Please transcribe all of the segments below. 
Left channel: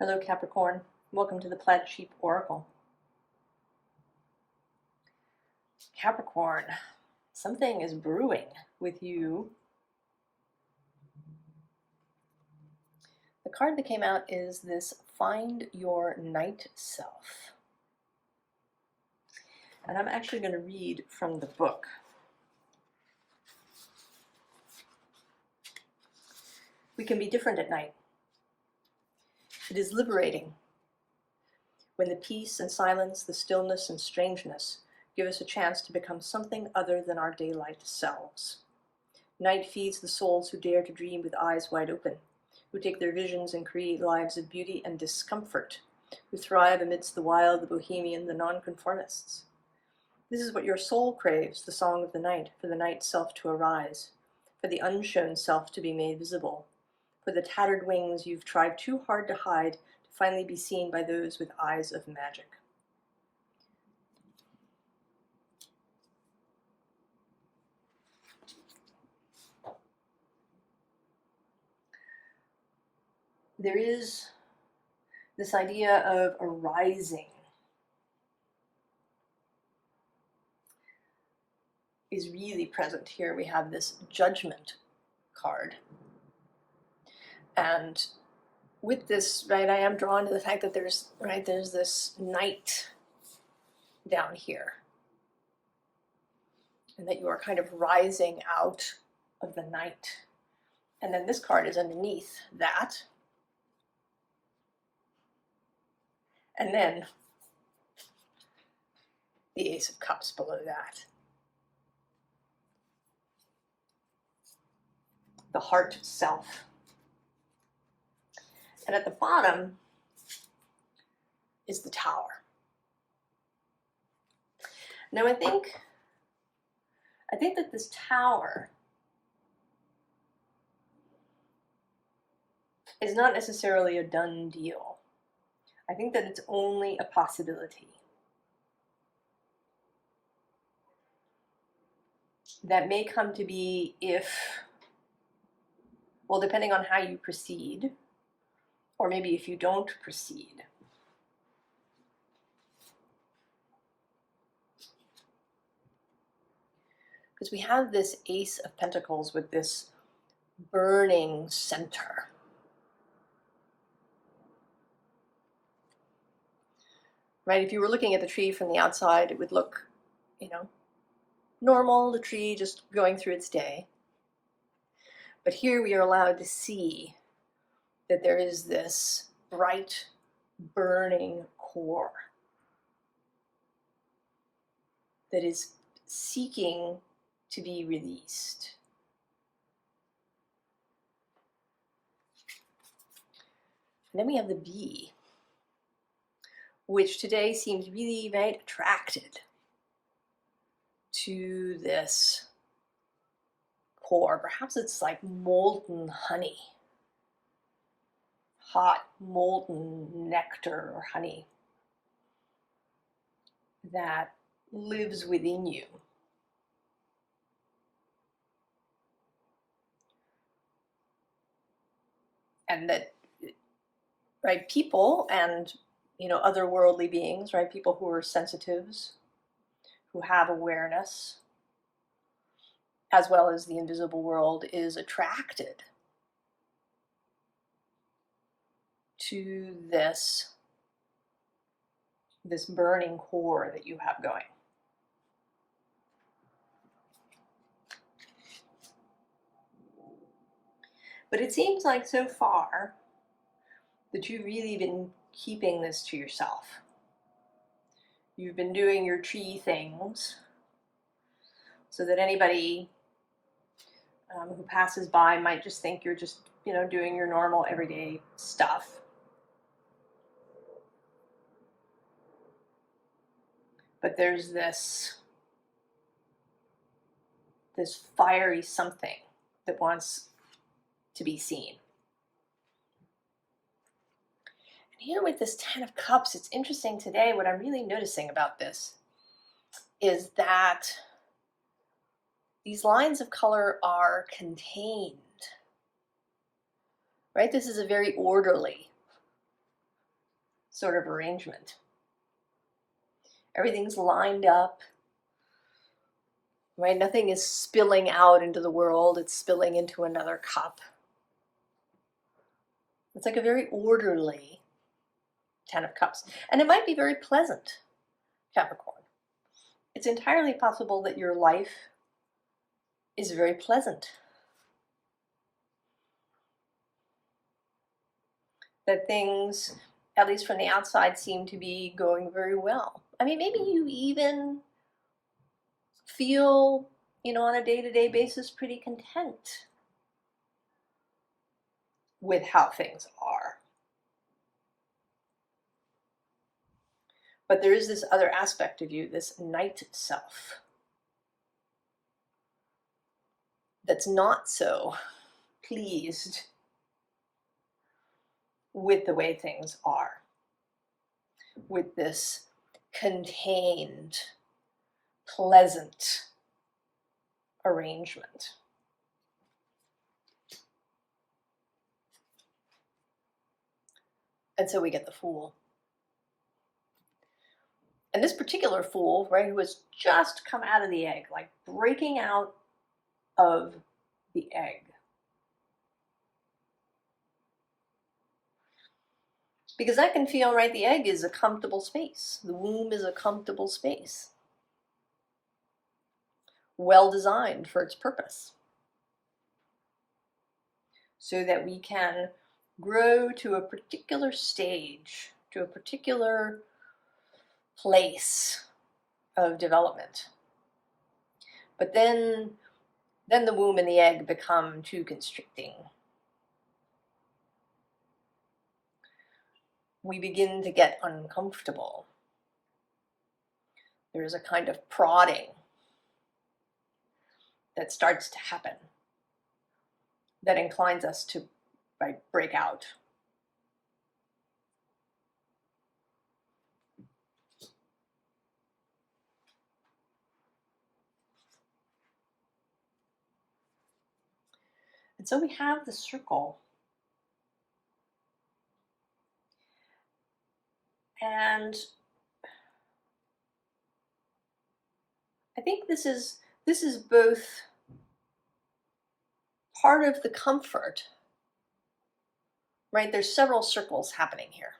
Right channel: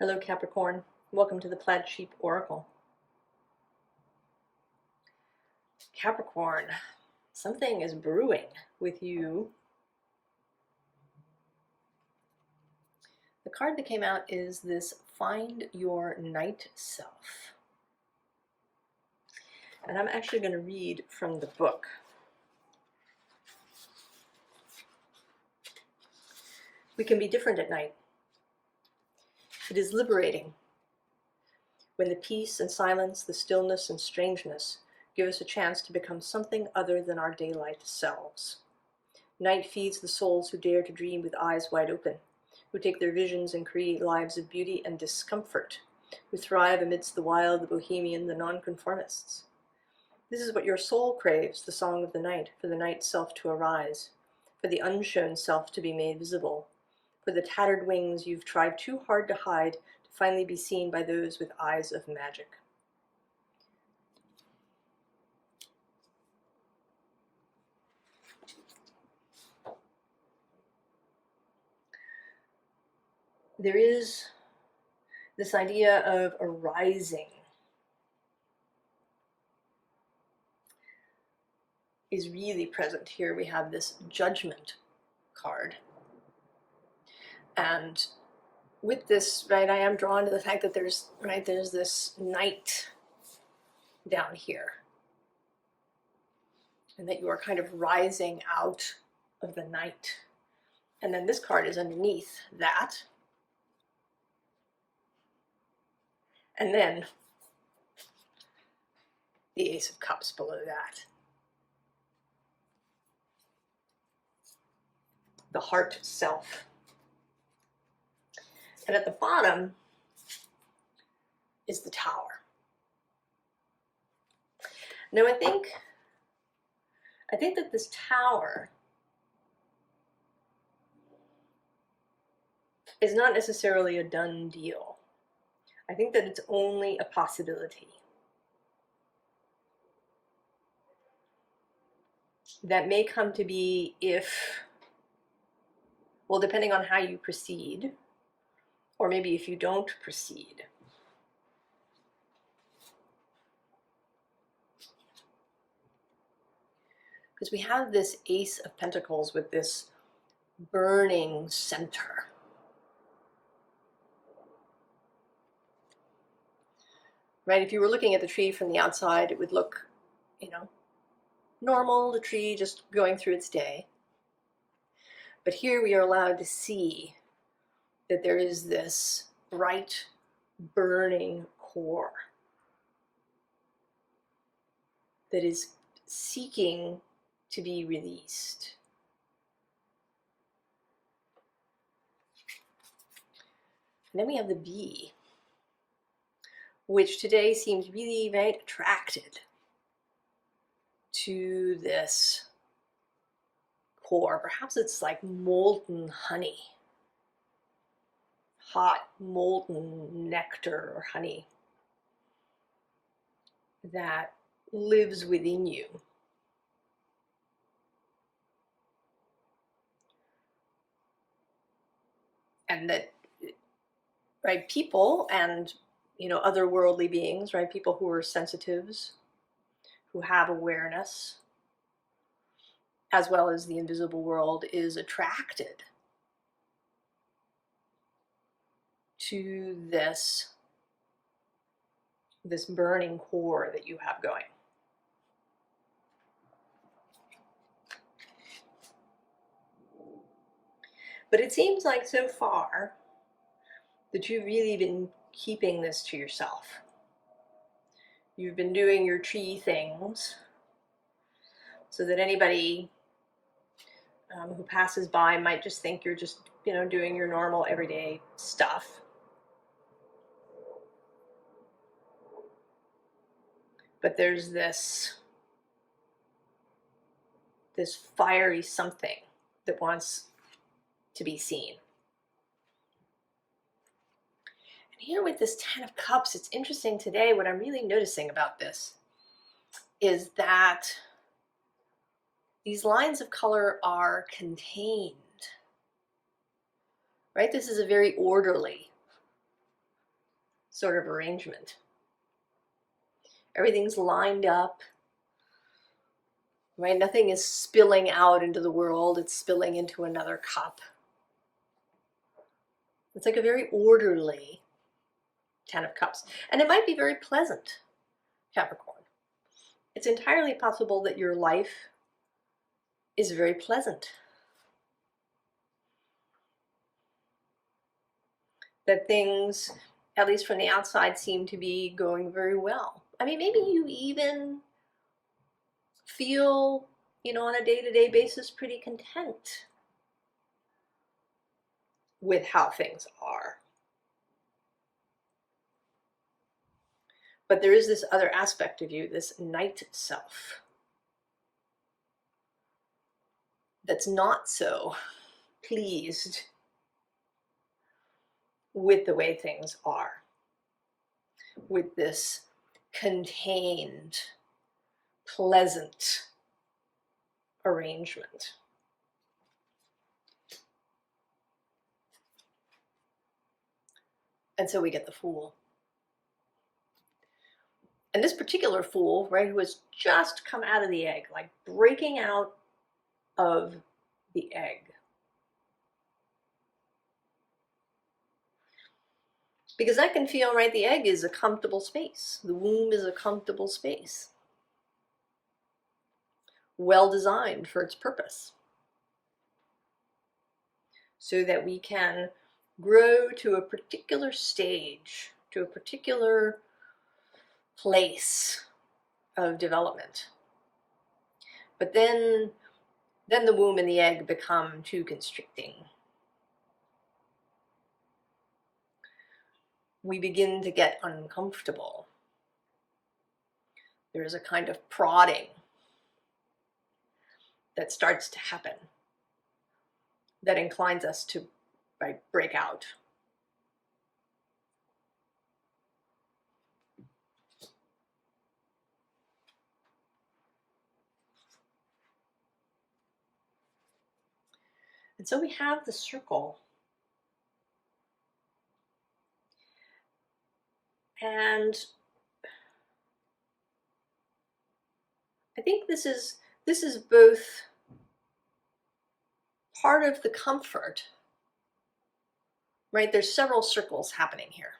Hello Capricorn, welcome to the Plaid Sheep Oracle. Capricorn, something is brewing with you. The card that came out is this Find Your Night Self. And I'm actually going to read from the book. We can be different at night. It is liberating when the peace and silence, the stillness and strangeness give us a chance to become something other than our daylight selves. Night feeds the souls who dare to dream with eyes wide open, who take their visions and create lives of beauty and discomfort, who thrive amidst the wild, the bohemian, the nonconformists. This is what your soul craves, the song of the night, for the night self to arise, for the unshown self to be made visible, for the tattered wings you've tried too hard to hide to finally be seen by those with eyes of magic. There is this idea of arising is really present here. We have this Judgment card. And with this, right, I am drawn to the fact that there's this night down here. And that you are kind of rising out of the night. And then this card is underneath that. And then the Ace of Cups below that. The heart self. And at the bottom is the Tower. Now I think that this Tower is not necessarily a done deal. I think that it's only a possibility. That may come to be if, well, depending on how you proceed, or maybe if you don't proceed. Because we have this Ace of Pentacles with this burning center. Right, if you were looking at the tree from the outside, it would look, normal, the tree just going through its day. But here we are allowed to see that there is this bright, burning core that is seeking to be released. And then we have the Bee, which today seems really very attracted to this core. Perhaps it's like molten honey, hot molten nectar or honey that lives within you. And that, right, people and, otherworldly beings, right, people who are sensitives, who have awareness, as well as the invisible world, is attracted to this burning core that you have going. But it seems like so far that you've really been keeping this to yourself. You've been doing your tree things so that anybody who passes by might just think you're just, doing your normal everyday stuff. But there's this fiery something that wants to be seen. And here with this Ten of Cups, it's interesting today, what I'm really noticing about this is that these lines of color are contained, right? This is a very orderly sort of arrangement. Everything's lined up, right? Nothing is spilling out into the world, it's spilling into another cup. It's like a very orderly 10 of Cups. And it might be very pleasant, Capricorn. It's entirely possible that your life is very pleasant. That things, at least from the outside, seem to be going very well. I mean, maybe you even feel, on a day-to-day basis pretty content with how things are. But there is this other aspect of you, this night self, that's not so pleased with the way things are, with this contained, pleasant arrangement. And so we get the Fool. And this particular Fool, right, who has just come out of the egg, like breaking out of the egg. Because I can feel, right, the egg is a comfortable space. The womb is a comfortable space. Well designed for its purpose. So that we can grow to a particular stage, to a particular place of development. But then the womb and the egg become too constricting. We begin to get uncomfortable. There's a kind of prodding that starts to happen that inclines us to break out. And so we have the Circle. And I think this is both part of the comfort, right? There's several circles happening here.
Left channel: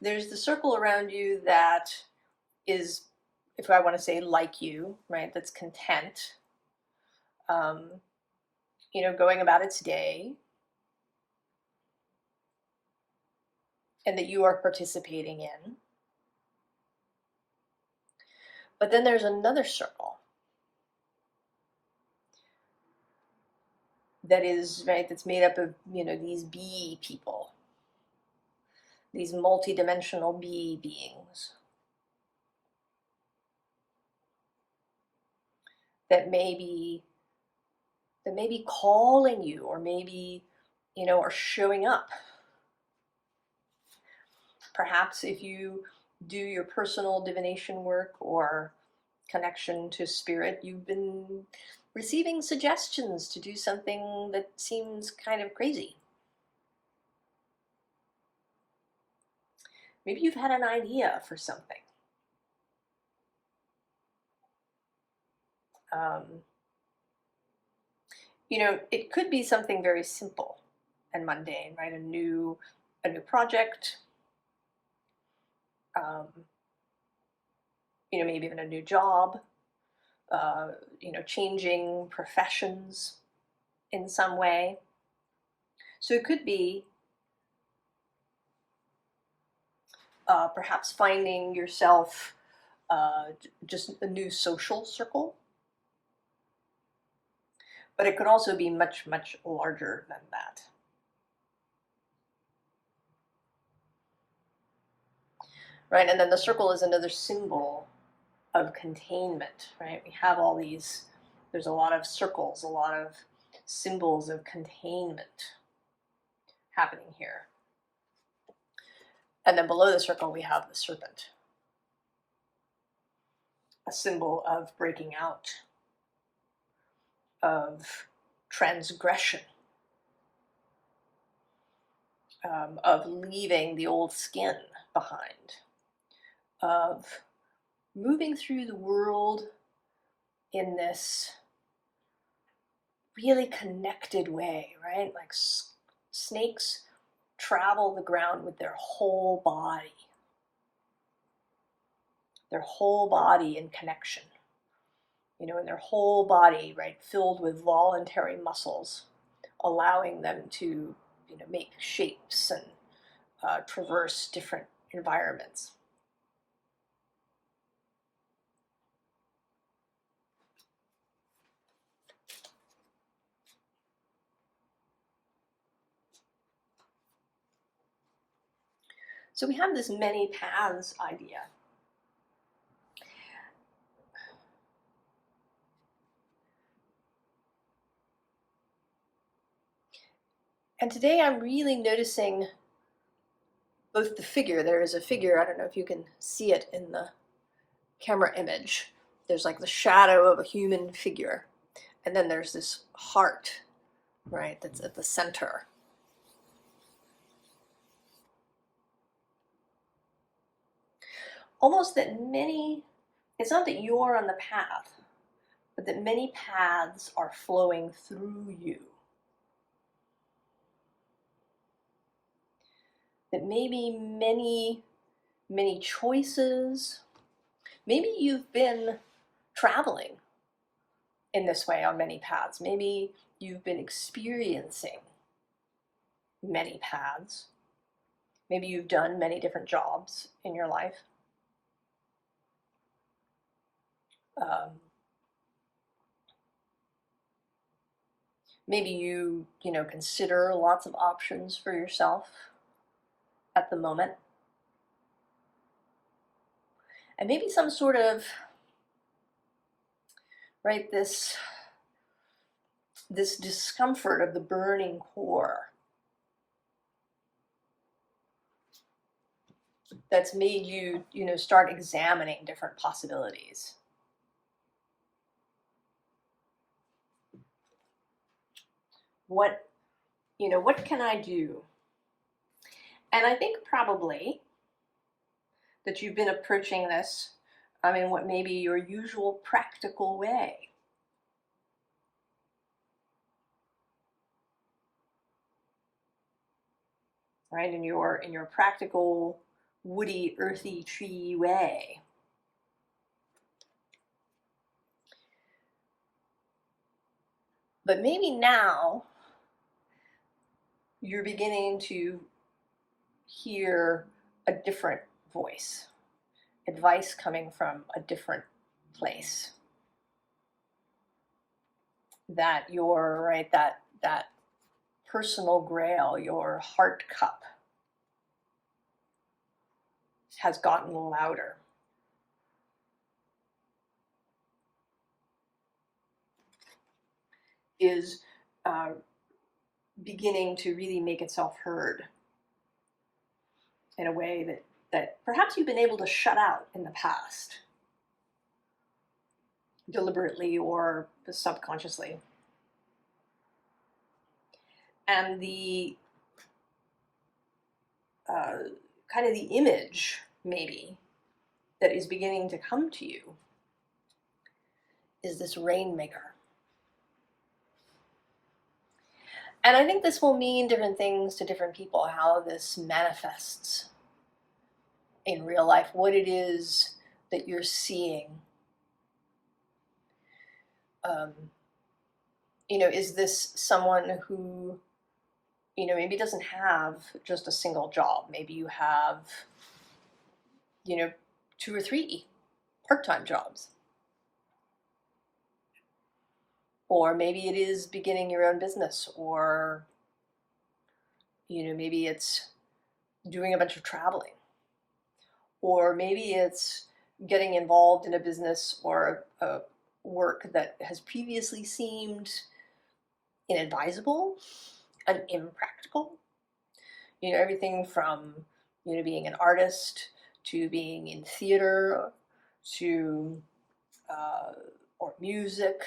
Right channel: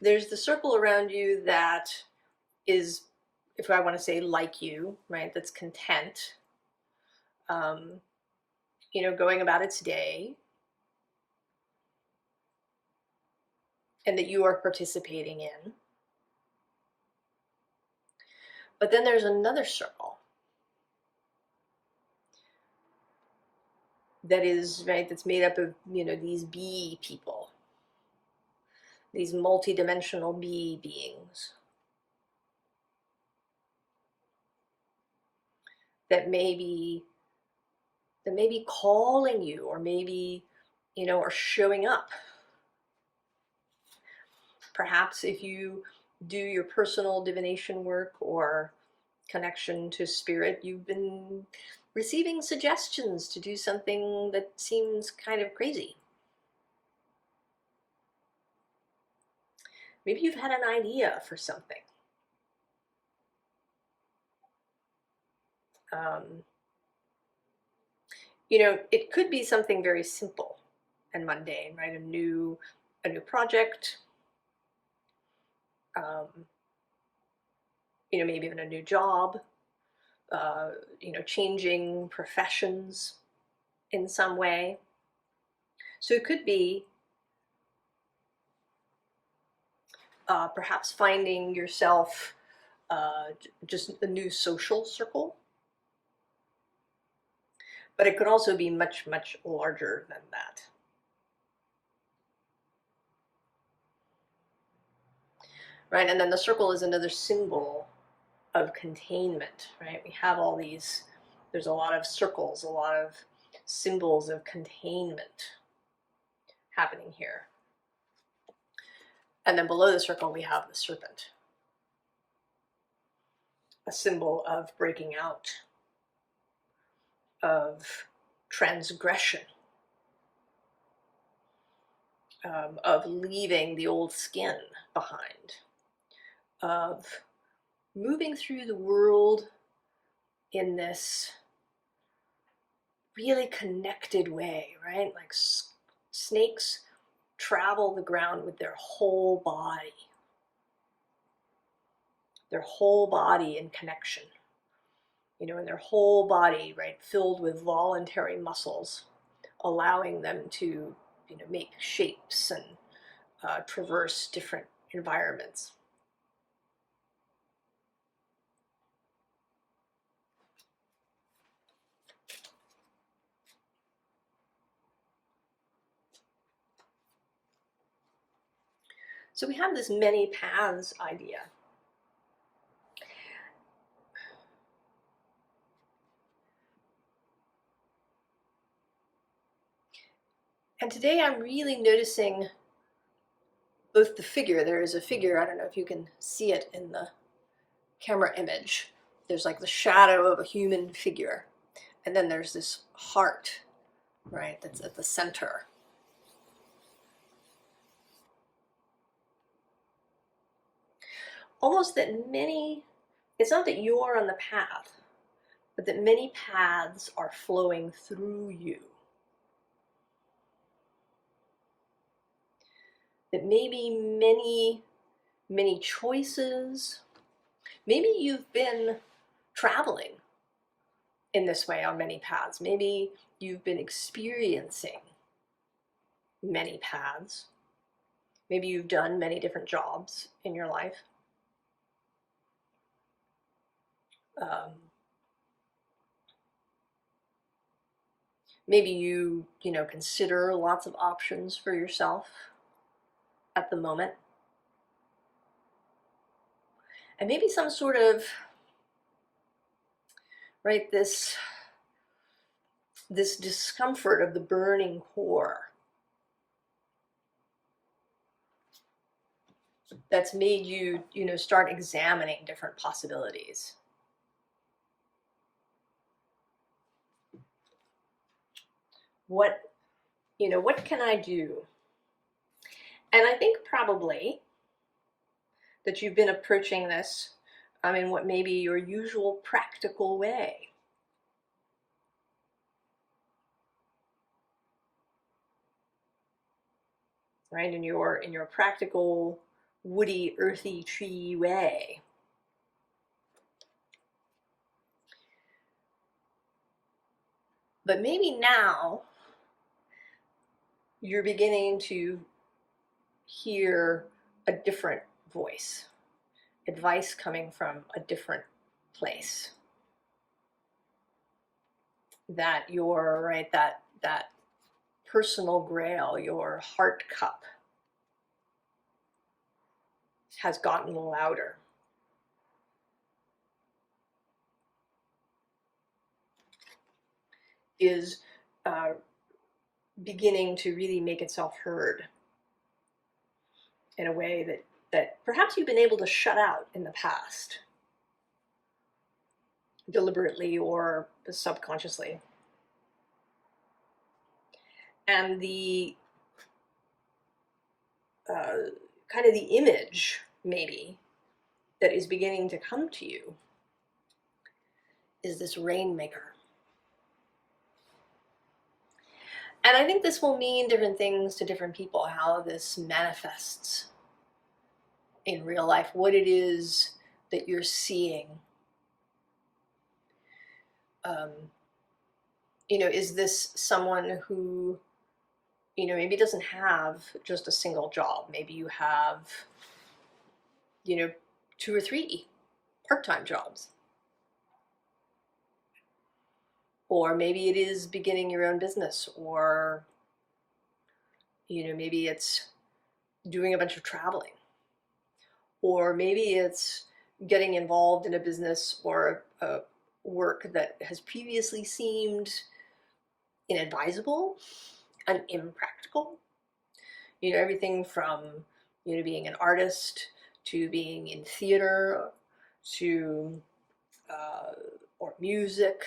There's the circle around you that is, if I want to say like you, right, that's content, going about its day, and that you are participating in. But then there's another circle that is, right, that's made up of, these bee people, these multi-dimensional bee beings that may be calling you, or maybe, are showing up. Perhaps if you do your personal divination work or connection to spirit, you've been receiving suggestions to do something that seems kind of crazy. Maybe you've had an idea for something. It could be something very simple and mundane, right? A new project, maybe even a new job, changing professions in some way. So it could be perhaps finding yourself just a new social circle. But it could also be much, much larger than that. Right, and then the circle is another symbol of containment, right? We have all these, there's a lot of circles, a lot of symbols of containment happening here. And then below the circle we have the serpent, a symbol of breaking out, of transgression, of leaving the old skin behind, of moving through the world in this really connected way, right? Like snakes travel the ground with their whole body in connection, and their whole body, right, filled with voluntary muscles, allowing them to, make shapes and traverse different environments. So we have this many paths idea. And today I'm really noticing both the figure. There is a figure, I don't know if you can see it in the camera image. There's like the shadow of a human figure. And then there's this heart, right, that's at the center. Almost that it's not that you are on the path, but that many paths are flowing through you. That maybe many choices, maybe you've been traveling in this way on many paths. Maybe you've been experiencing many paths. Maybe you've done many different jobs in your life. Maybe you consider lots of options for yourself at the moment. And maybe some sort of, right, this discomfort of the burning core that's made you, start examining different possibilities. What can I do? And I think probably that you've been approaching this in what may be your usual practical way. Right, in your practical, woody, earthy tree way. But maybe now you're beginning to hear a different voice, advice coming from a different place. That that personal grail, your heart cup, has gotten louder. Is beginning to really make itself heard in a way that perhaps you've been able to shut out in the past, deliberately or subconsciously. And the kind of the image, maybe, that is beginning to come to you is this rainmaker. And I think this will mean different things to different people, how this manifests in real life, what it is that you're seeing. Is this someone who, maybe doesn't have just a single job? Maybe you have, 2 or 3 part-time jobs. Or maybe it is beginning your own business, or, maybe it's doing a bunch of traveling. Or maybe it's getting involved in a business or a work that has previously seemed inadvisable and impractical. Everything from, being an artist to being in theater to, or music,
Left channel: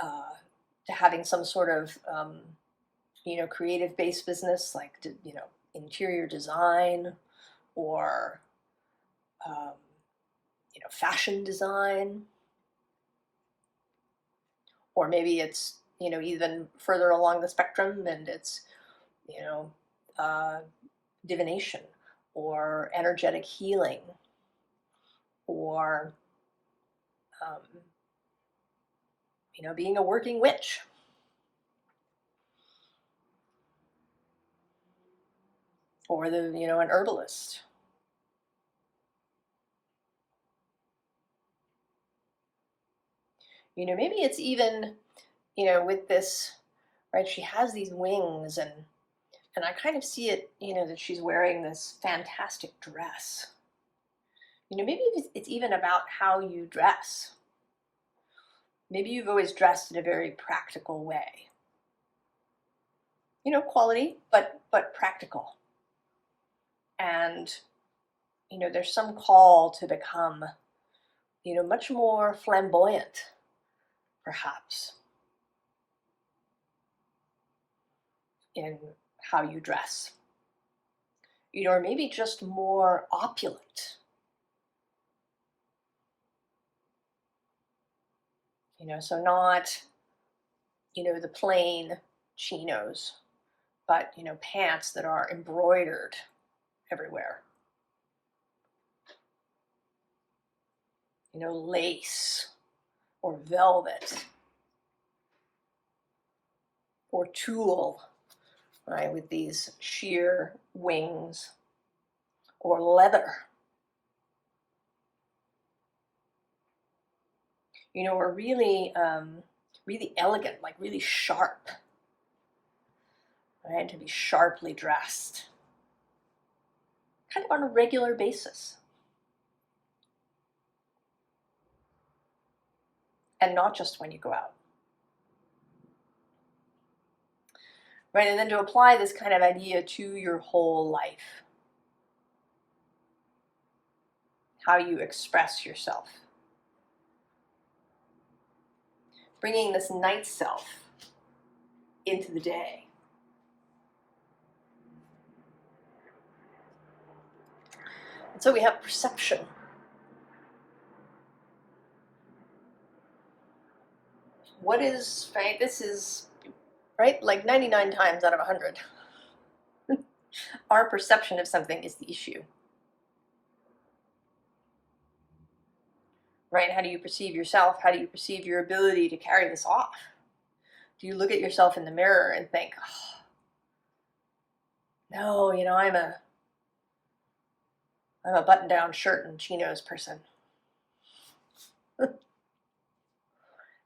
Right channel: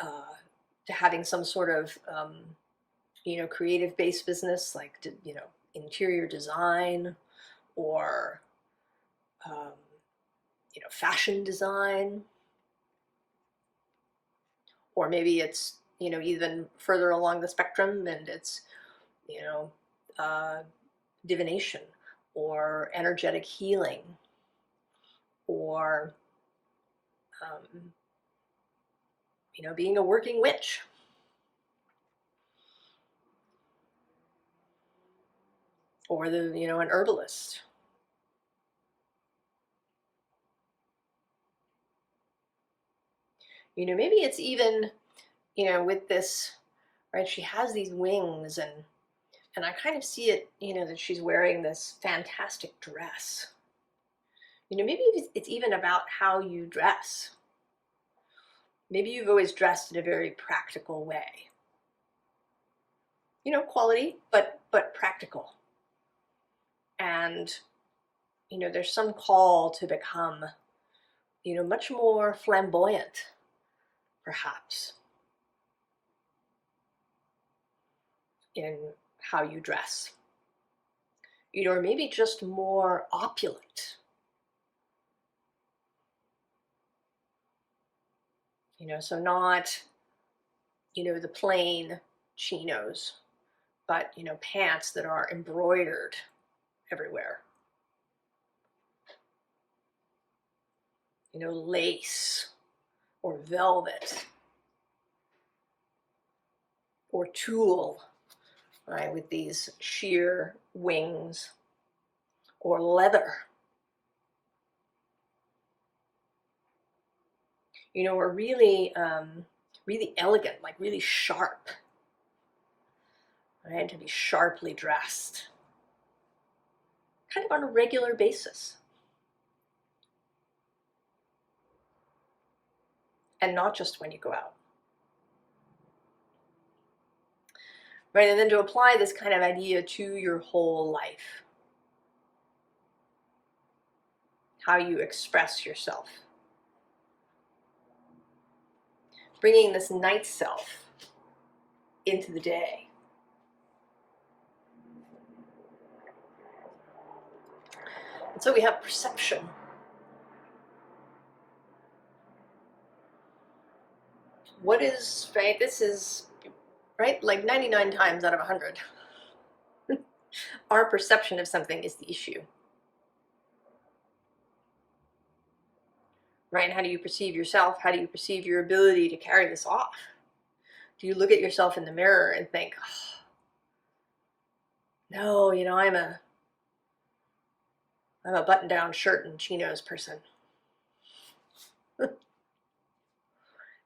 to having some sort of, creative-based business like, interior design or, fashion design. Or maybe it's, even further along the spectrum and it's, divination or energetic healing or, being a working witch. Or an herbalist. Maybe it's even, with this, right, she has these wings and I kind of see it, that she's wearing this fantastic dress. Maybe it's even about how you dress. Maybe you've always dressed in a very practical way. Quality, but practical. And, there's some call to become, much more flamboyant, perhaps, in how you dress. Or maybe just more opulent. So not, the plain chinos, but, pants that are embroidered everywhere. Lace or velvet or tulle, right, with these sheer wings, or leather, or really, really elegant, like really sharp, right, to be sharply dressed, kind of on a regular basis. And not just when you go out. Right, and then to apply this kind of idea to your whole life. How you express yourself. Bringing this night self into the day. And so we have perception. What is, right, this is, right, like 99 times out of 100. Our perception of something is the issue. Right, how do you perceive yourself? How do you perceive your ability to carry this off? Do you look at yourself in the mirror and think, oh, no, I'm a button-down shirt and chinos person?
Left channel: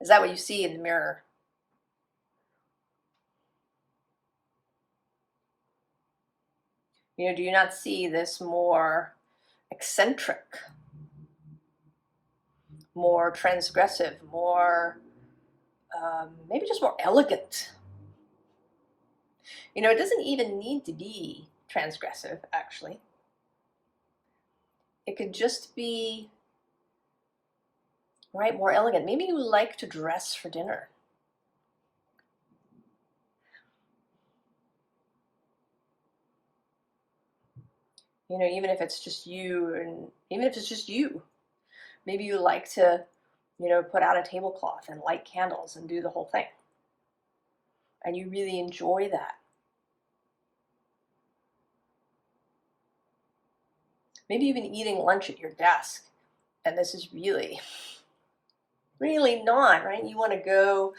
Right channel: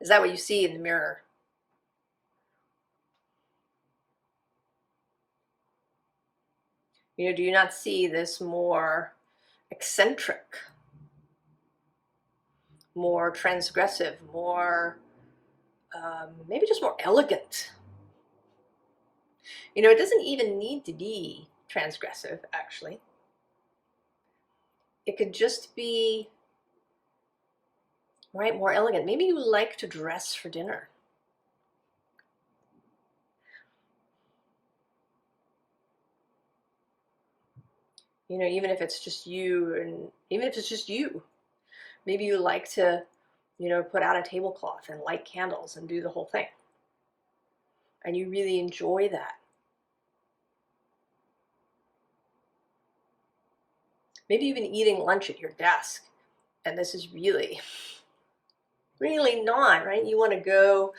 Is that what you see in the mirror? Do you not see this more eccentric, more transgressive, more, maybe just more elegant? It doesn't even need to be transgressive, actually. It could just be, right, more elegant. Maybe you like to dress for dinner. Even if it's just you, and even if it's just you, maybe you like to, put out a tablecloth and light candles and do the whole thing. And you really enjoy that. Maybe even eating lunch at your desk. And this is really, really not, right? You want to go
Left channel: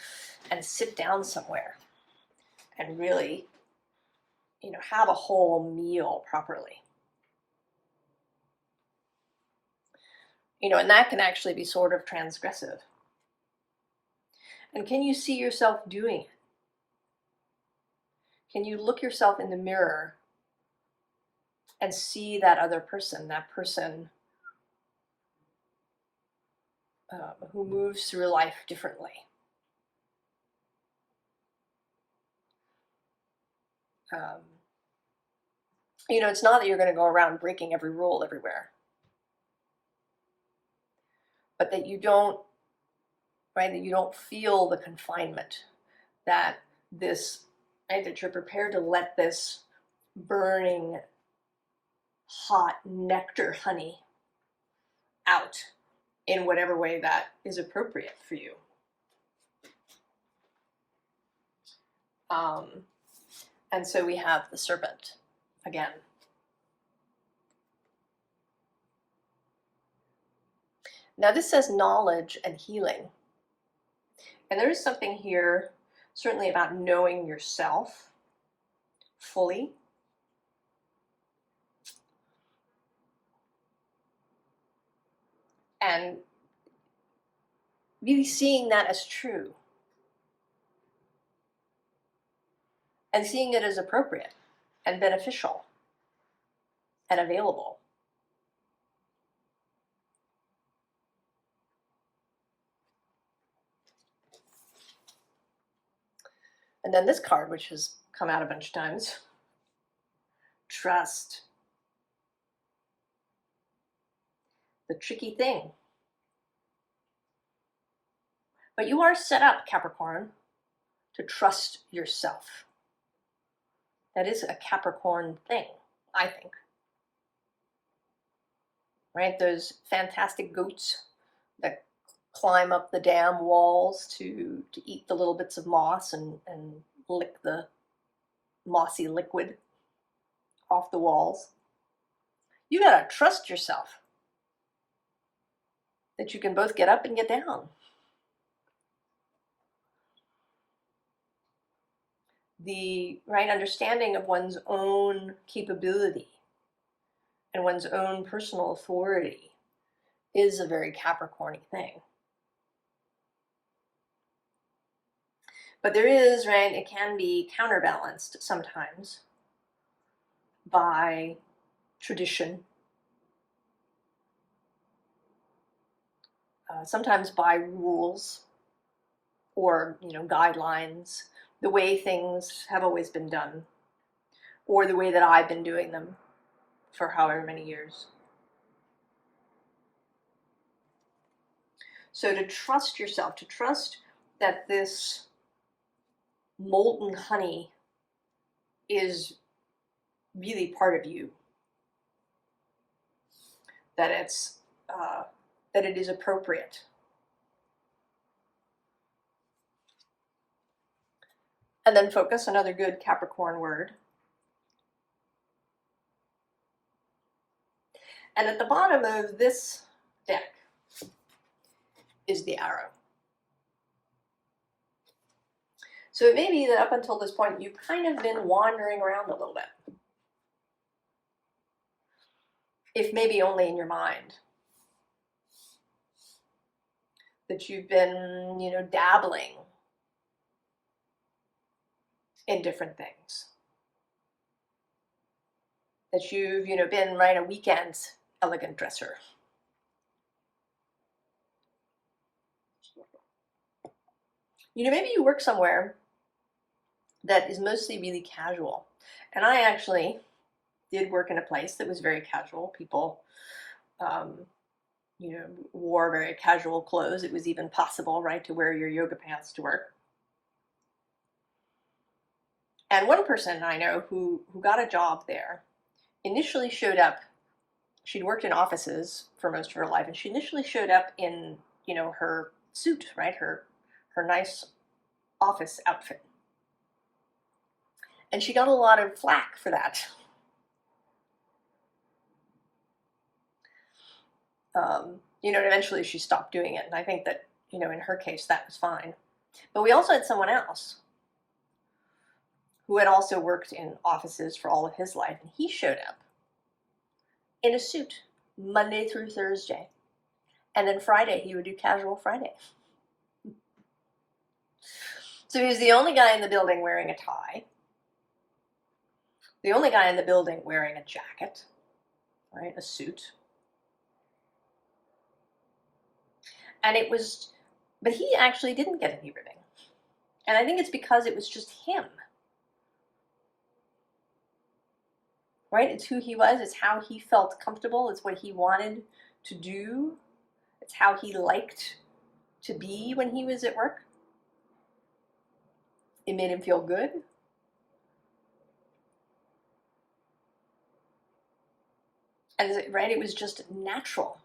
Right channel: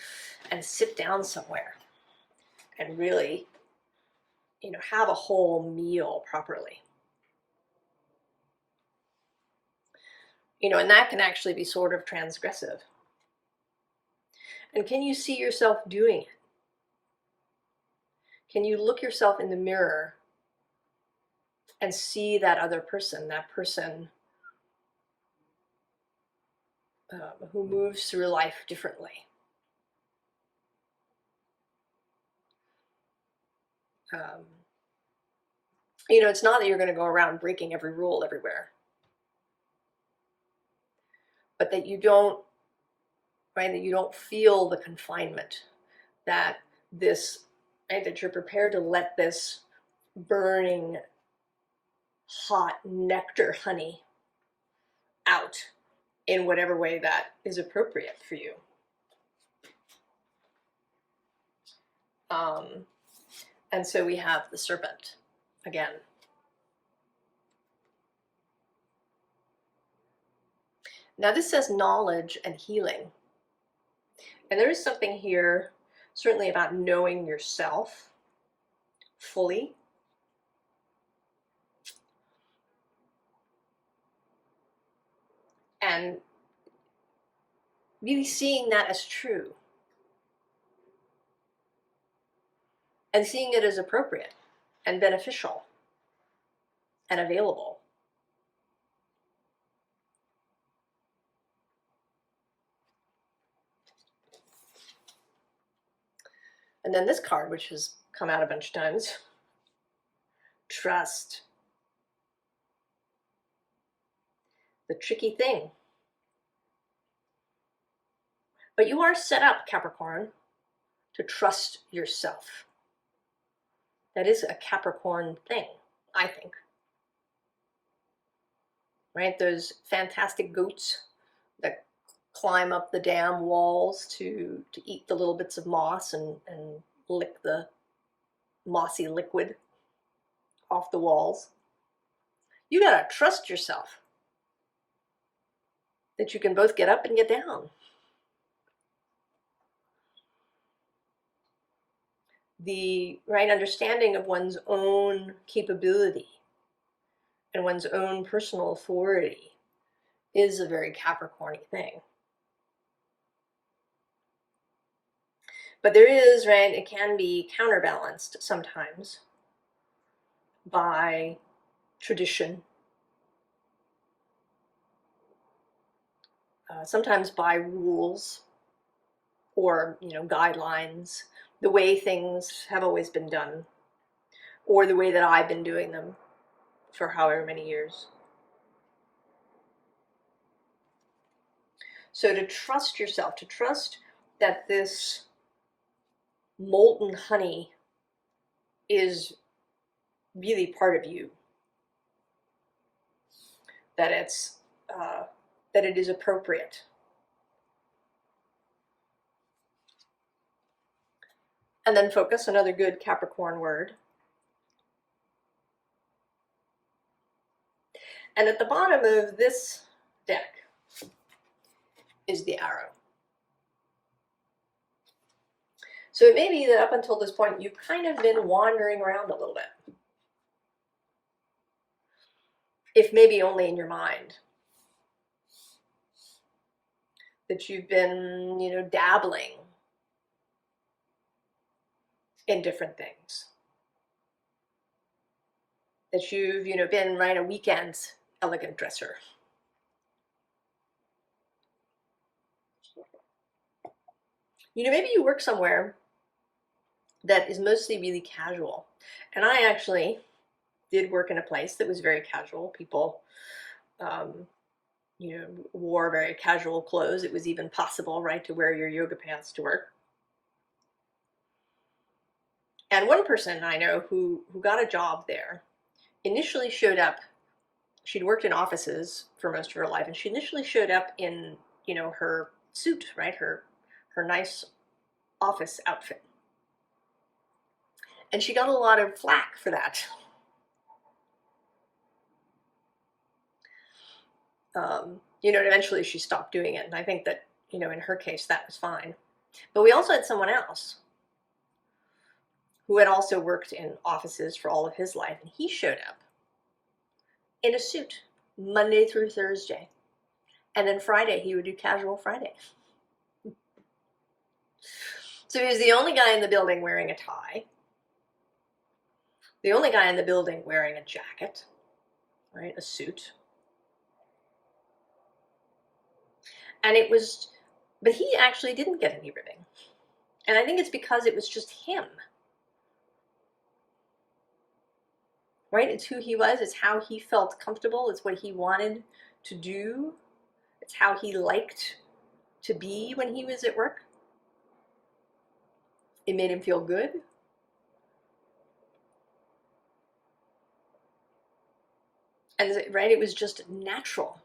and sit down somewhere and really, have a whole meal properly. And that can actually be sort of transgressive. And can you see yourself doing it? Can you look yourself in the mirror and see that other person, who moves through life differently? It's not that you're going to go around breaking every rule everywhere, but that you don't, right, that you don't feel the confinement that this, right? That you're prepared to let this burning, hot nectar honey out in whatever way that is appropriate for you. And so we have the serpent again. Now this says knowledge and healing. And there is something here, certainly about knowing yourself fully. And really seeing that as true. And seeing it as appropriate and beneficial and available. And then this card, which has come out a bunch of times, trust. The tricky thing. But you are set up, Capricorn, to trust yourself. That is a Capricorn thing, I think. Right? Those fantastic goats that climb up the dam walls to eat the little bits of moss and lick the mossy liquid off the walls. You gotta trust yourself that you can both get up and get down. The right understanding of one's own capability and one's own personal authority is a very Capricorn thing. But there is, right, it can be counterbalanced sometimes by tradition, sometimes by rules or, guidelines, the way things have always been done, or the way that I've been doing them for however many years. So to trust yourself, to trust that this molten honey is really part of you, that it is appropriate. And then focus, another good Capricorn word. And at the bottom of this deck is the arrow. So it may be that up until this point, you've kind of been wandering around a little bit. If maybe only in your mind. That you've been, dabbling in different things. That you've, been, right, a weekend elegant dresser. Maybe you work somewhere that is mostly really casual. And I actually did work in a place that was very casual. People, wore very casual clothes. It was even possible, right, to wear your yoga pants to work. And one person I know who got a job there initially showed up. She'd worked in offices for most of her life, and she initially showed up in, her suit, right, her nice office outfit. And she got a lot of flack for that. And eventually she stopped doing it. And I think that, in her case, that was fine. But we also had someone else who had also worked in offices for all of his life. And he showed up in a suit Monday through Thursday. And then Friday, he would do casual Friday. So he was the only guy in the building wearing a tie. The only guy in the building wearing a jacket, right, a suit. And but he actually didn't get any ribbing. And I think it's because it was just him. Right? It's who he was. It's how he felt comfortable. It's what he wanted to do. It's how he liked to be when he was at work. It made him feel good. And right, it was just natural.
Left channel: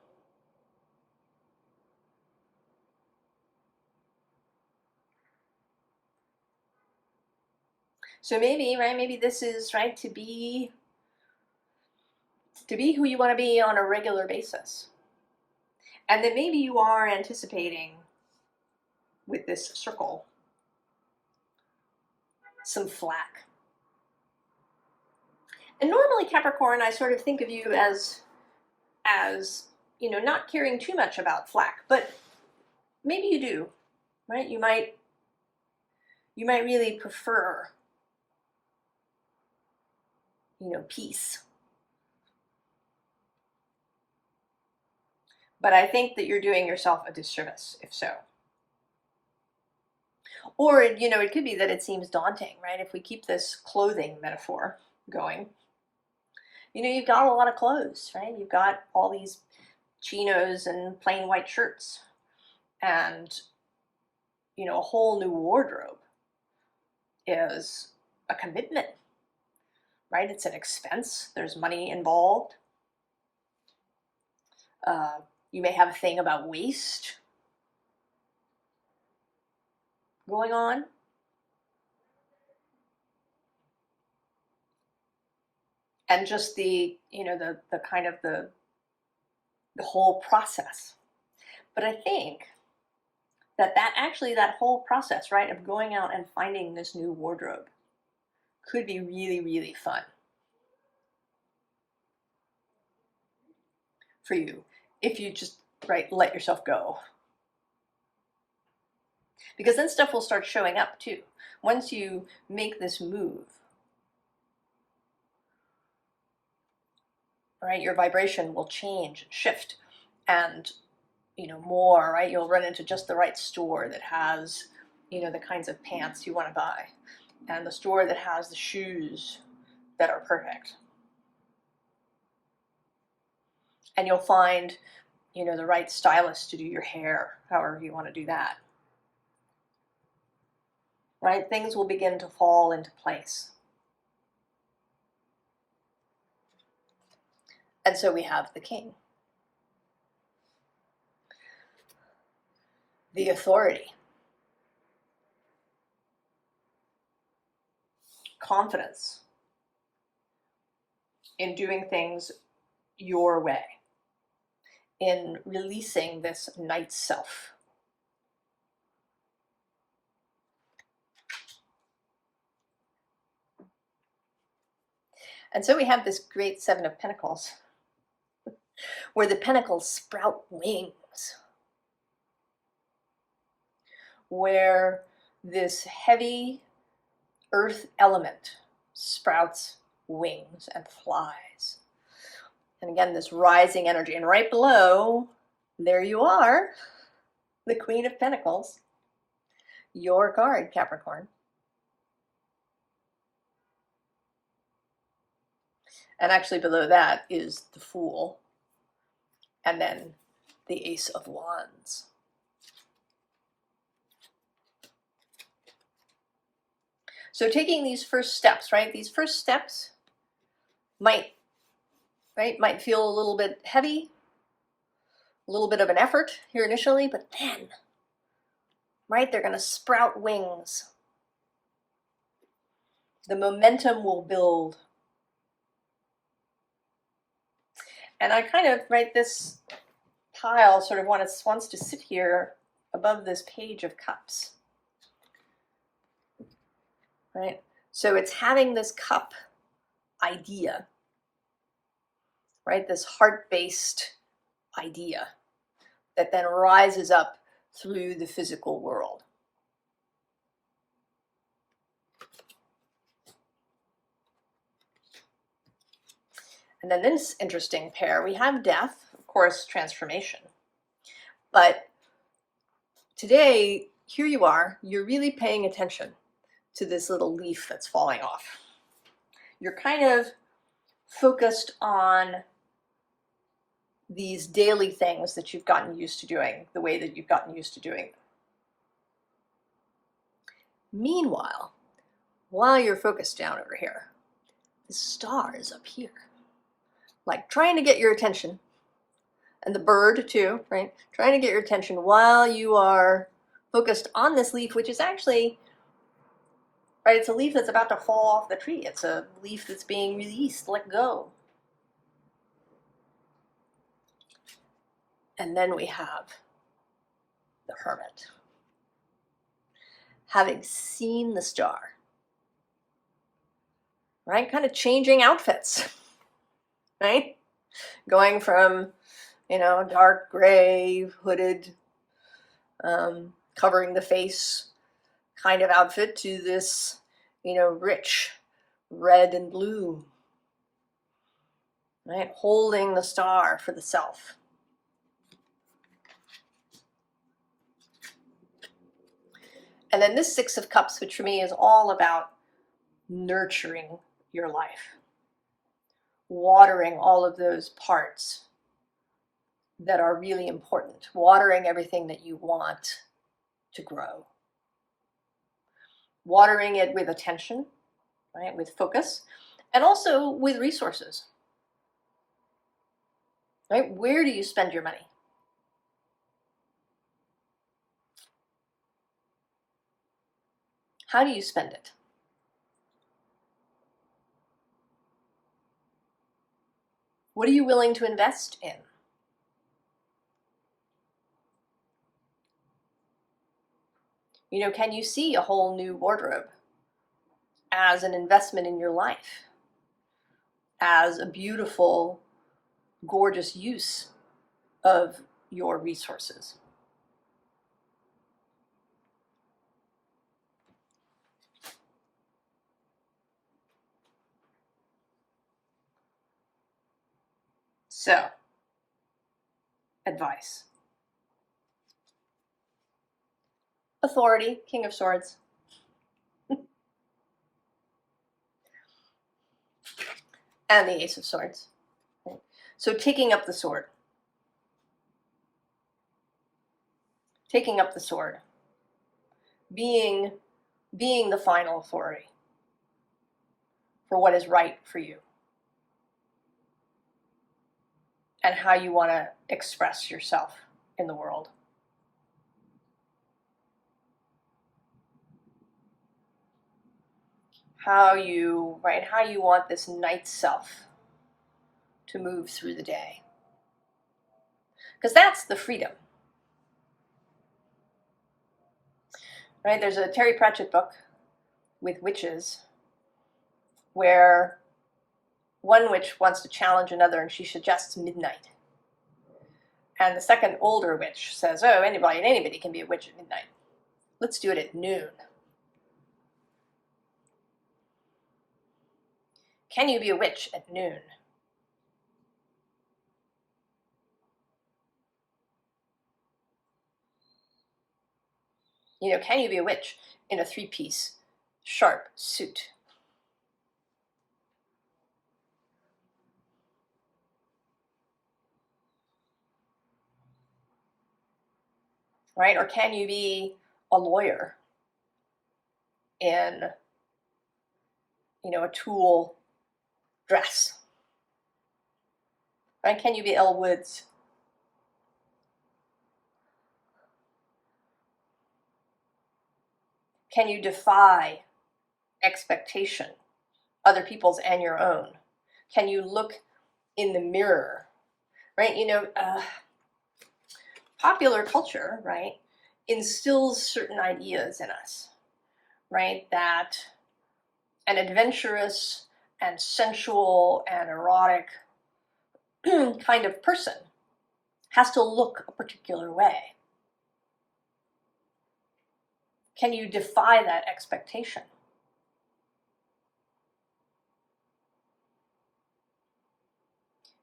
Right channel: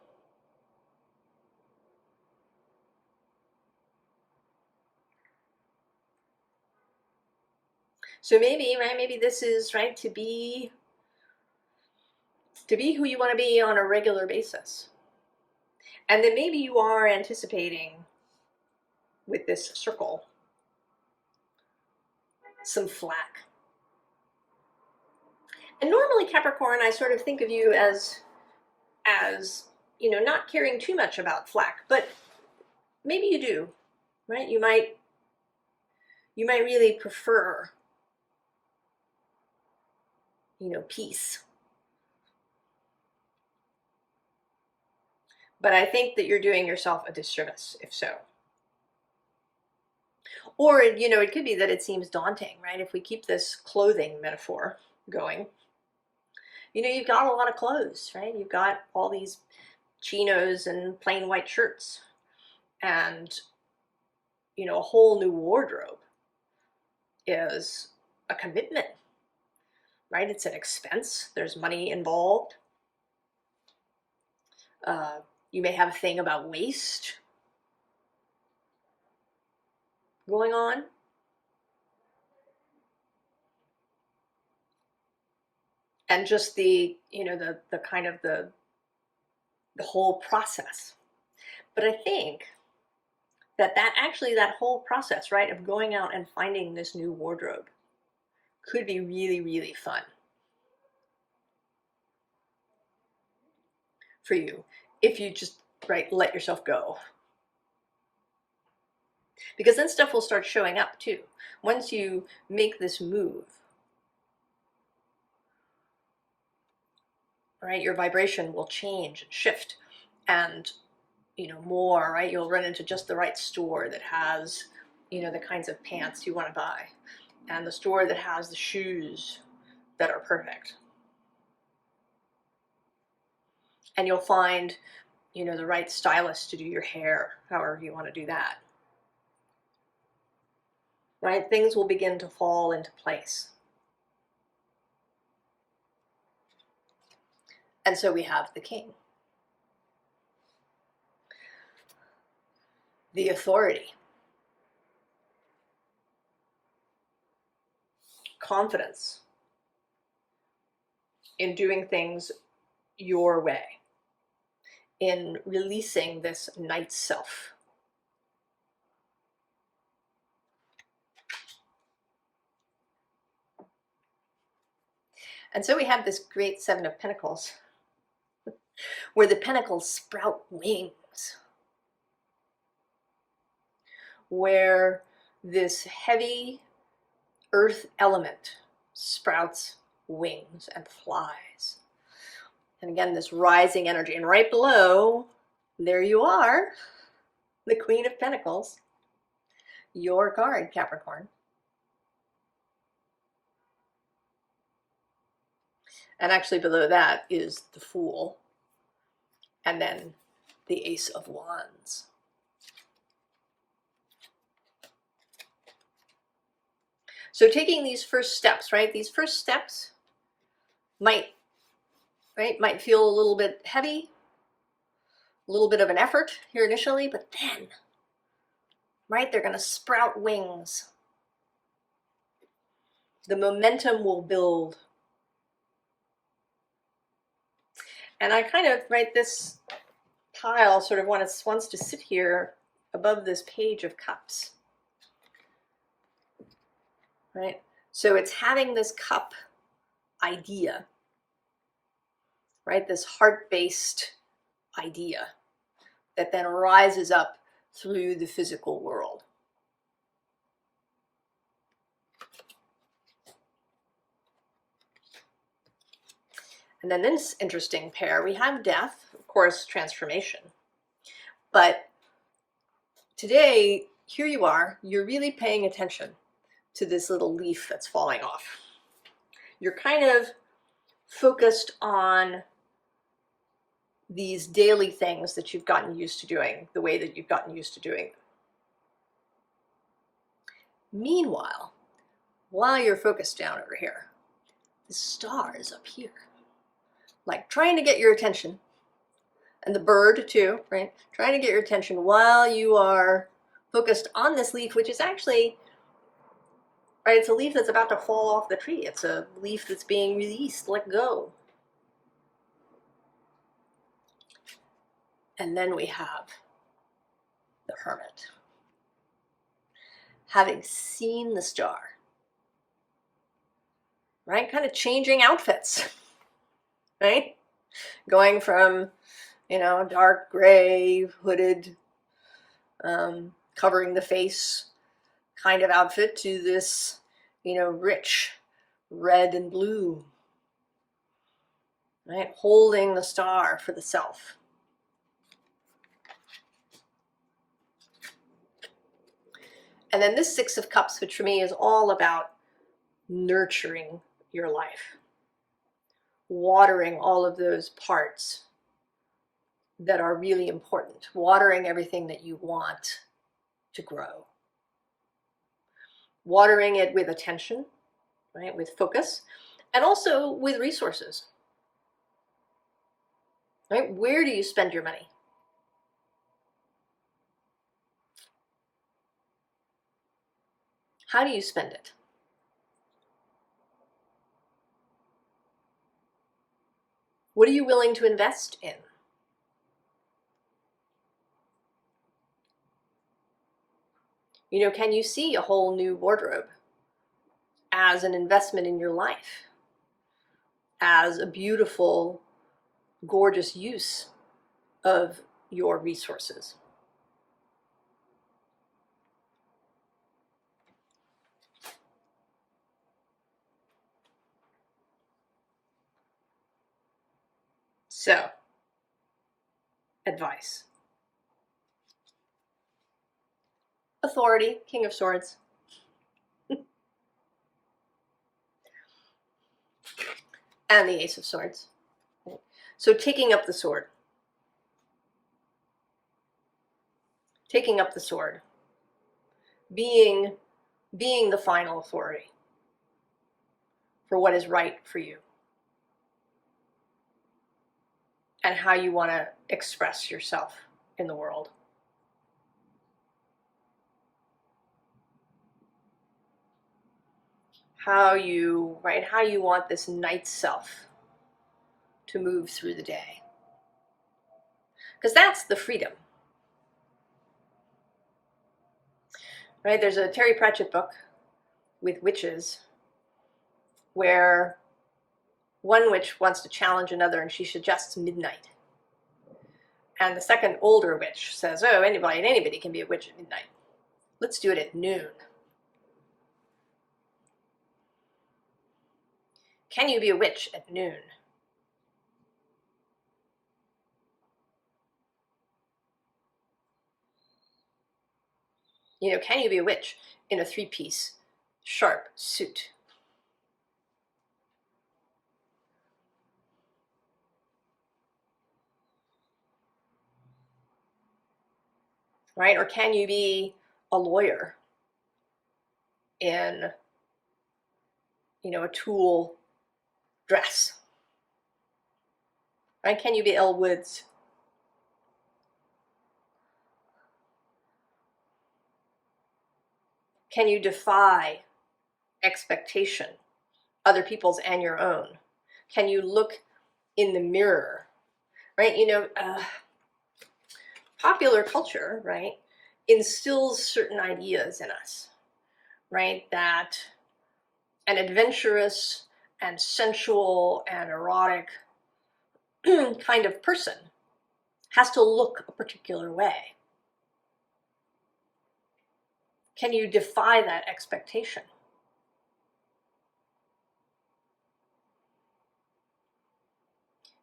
So maybe, right, maybe this is, right, to be who you want to be on a regular basis. And then maybe you are anticipating with this circle some flack. And normally, Capricorn, I sort of think of you as you know, not caring too much about flack, but maybe you do, right? You might really prefer, you know, peace. But I think that you're doing yourself a disservice if so. Or, you know, it could be that it seems daunting, right? If we keep this clothing metaphor going, you know, you've got a lot of clothes, right? You've got all these chinos and plain white shirts and, you know, a whole new wardrobe is a commitment, right? It's an expense. There's money involved. You may have a thing about waste going on. And just the, you know, the kind of the whole process. But I think that actually that whole process, right, of going out and finding this new wardrobe could be really, really fun for you if you just, right, let yourself go. Because then stuff will start showing up too. Once you make this move, right, your vibration will change and shift, and, you know, more, right, you'll run into just the right store that has, you know, the kinds of pants you want to buy, and the store that has the shoes that are perfect. And you'll find, you know, the right stylist to do your hair, however you want to do that. Right? Things will begin to fall into place. And so we have the king. The authority. Confidence in doing things your way. In releasing this night self. And so we have this great Seven of Pentacles, where the pentacles sprout wings, where this heavy earth element sprouts wings and flies. And again, this rising energy. And right below, there you are, the Queen of Pentacles, your card, Capricorn. And actually below that is the Fool, and then the Ace of Wands. So taking these first steps, right? These first steps might feel a little bit heavy, a little bit of an effort here initially, but then, right, they're going to sprout wings. The momentum will build. And I kind of, right, this tile sort of wants to sit here above this Page of Cups. Right? So it's having this cup idea, right? This heart-based idea that then rises up through the physical world. And then this interesting pair, we have death, of course, transformation. But today, here you are, you're really paying attention to this little leaf that's falling off. You're kind of focused on these daily things that you've gotten used to doing, the way that you've gotten used to doing. Meanwhile, while you're focused down over here, the stars up here, like trying to get your attention, and the bird too, right? Trying to get your attention while you are focused on this leaf, which is actually, right, it's a leaf that's about to fall off the tree. It's a leaf that's being released, let go. And then we have the hermit. Having seen the star, right? Kind of changing outfits, right? Going from, dark gray, hooded, covering the face kind of outfit to this, rich red and blue, right? Holding the star for the self. And then this Six of Cups, which for me is all about nurturing your life, watering all of those parts that are really important, watering everything that you want to grow, watering it with attention, right, with focus, and also with resources, right? Where do you spend your money? How do you spend it? What are you willing to invest in? Can you see a whole new wardrobe as an investment in your life, as a beautiful, gorgeous use of your resources? So, advice. Authority, King of Swords. And the Ace of Swords. So taking up the sword. Taking up the sword. Being the final authority for what is right for you. And how you want to express yourself in the world. How you want this night self to move through the day. Because that's the freedom. Right? There's a Terry Pratchett book with witches where one witch wants to challenge another and she suggests midnight. And the second older witch says, oh, anybody can be a witch at midnight. Let's do it at noon. Can you be a witch at noon? Can you be a witch in a three-piece sharp suit? Right? Or can you be a lawyer in, a tulle dress? Right? Can you be Elle Woods? Can you defy expectation, other people's and your own? Can you look in the mirror? Right? Popular culture, right, instills certain ideas in us, right? That an adventurous and sensual and erotic kind of person has to look a particular way. Can you defy that expectation?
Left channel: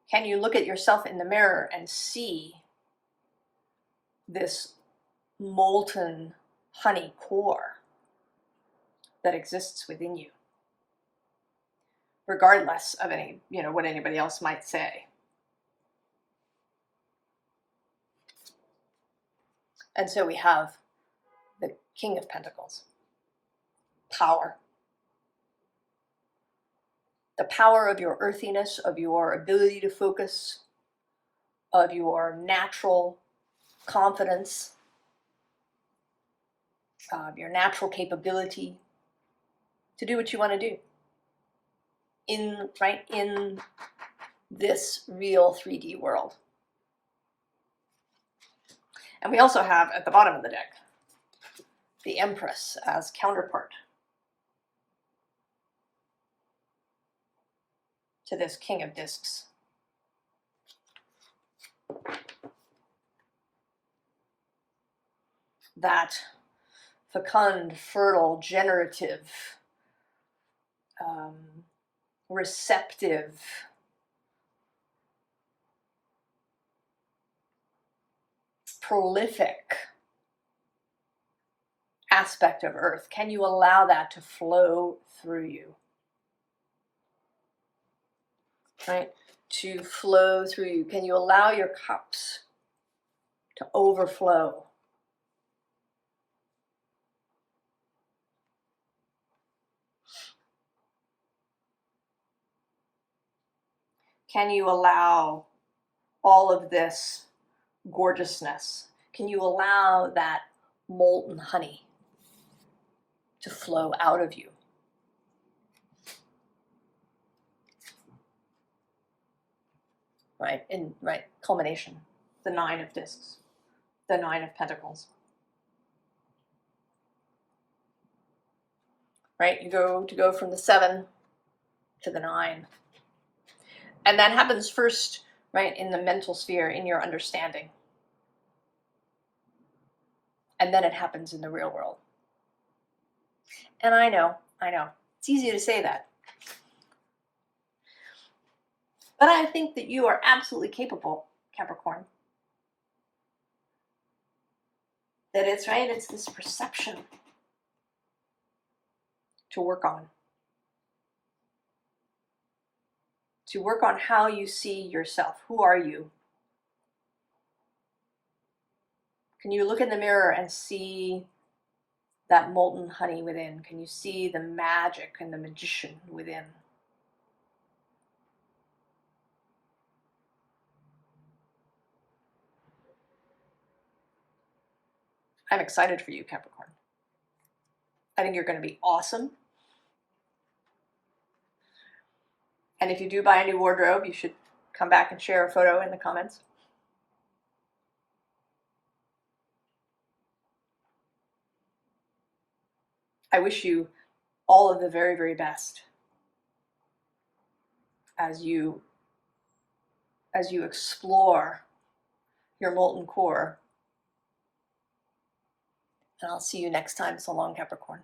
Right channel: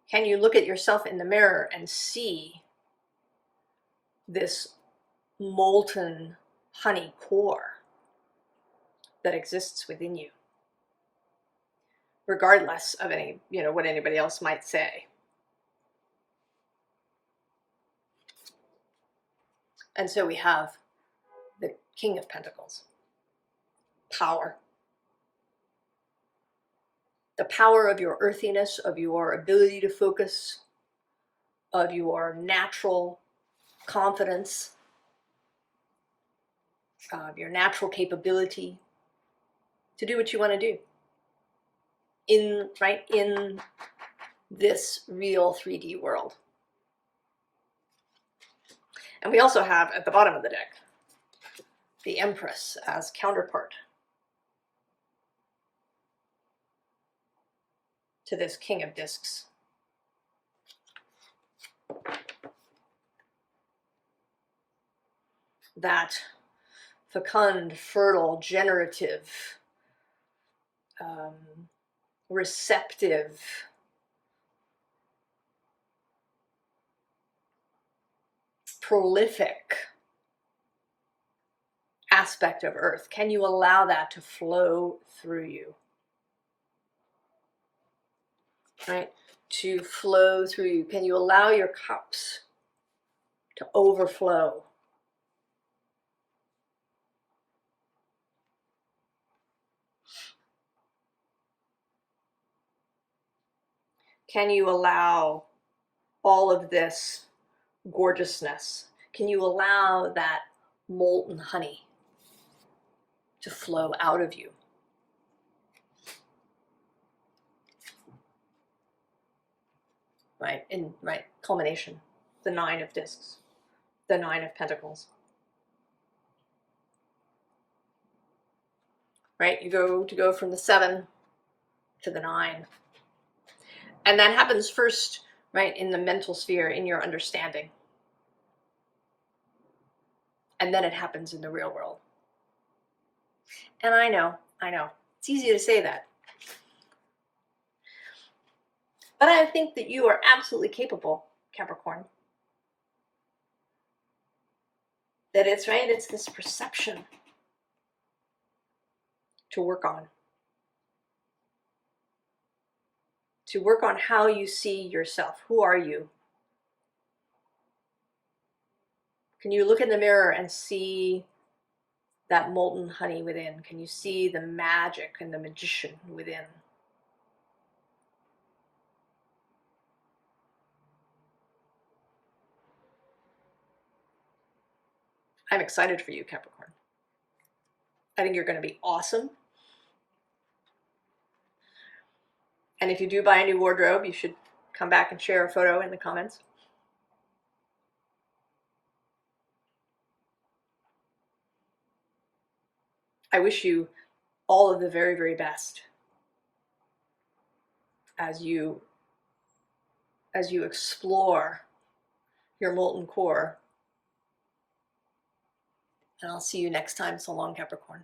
Can you look at yourself in the mirror and see this molten honey core that exists within you, regardless of what anybody else might say? And so we have the King of Pentacles, power. the power of your earthiness, of your ability to focus, of your natural confidence, of your natural capability to do what you want to do in this real 3D world. And we also have at the bottom of the deck the Empress as counterpart to this King of Discs. That fecund, fertile, generative, receptive, prolific aspect of Earth. Can you allow that to flow through you? Right? To flow through you. Can you allow your cups to overflow? Can you allow all of this gorgeousness? Can you allow that molten honey to flow out of you? Right, in culmination, the 9 of Discs, the 9 of Pentacles. Right, you go from the 7 to the 9. And that happens first, right, in the mental sphere, in your understanding. And then it happens in the real world. And I know, it's easy to say that. But I think that you are absolutely capable, Capricorn. That it's this perception to work on. To work on how you see yourself. Who are you? Can you look in the mirror and see that molten honey within? Can you see the magic and the magician within? I'm excited for you, Capricorn. I think you're going to be awesome. And if you do buy a new wardrobe, you should come back and share a photo in the comments. I wish you all of the very, very best as you explore your molten core. And I'll see you next time. So long, Capricorn.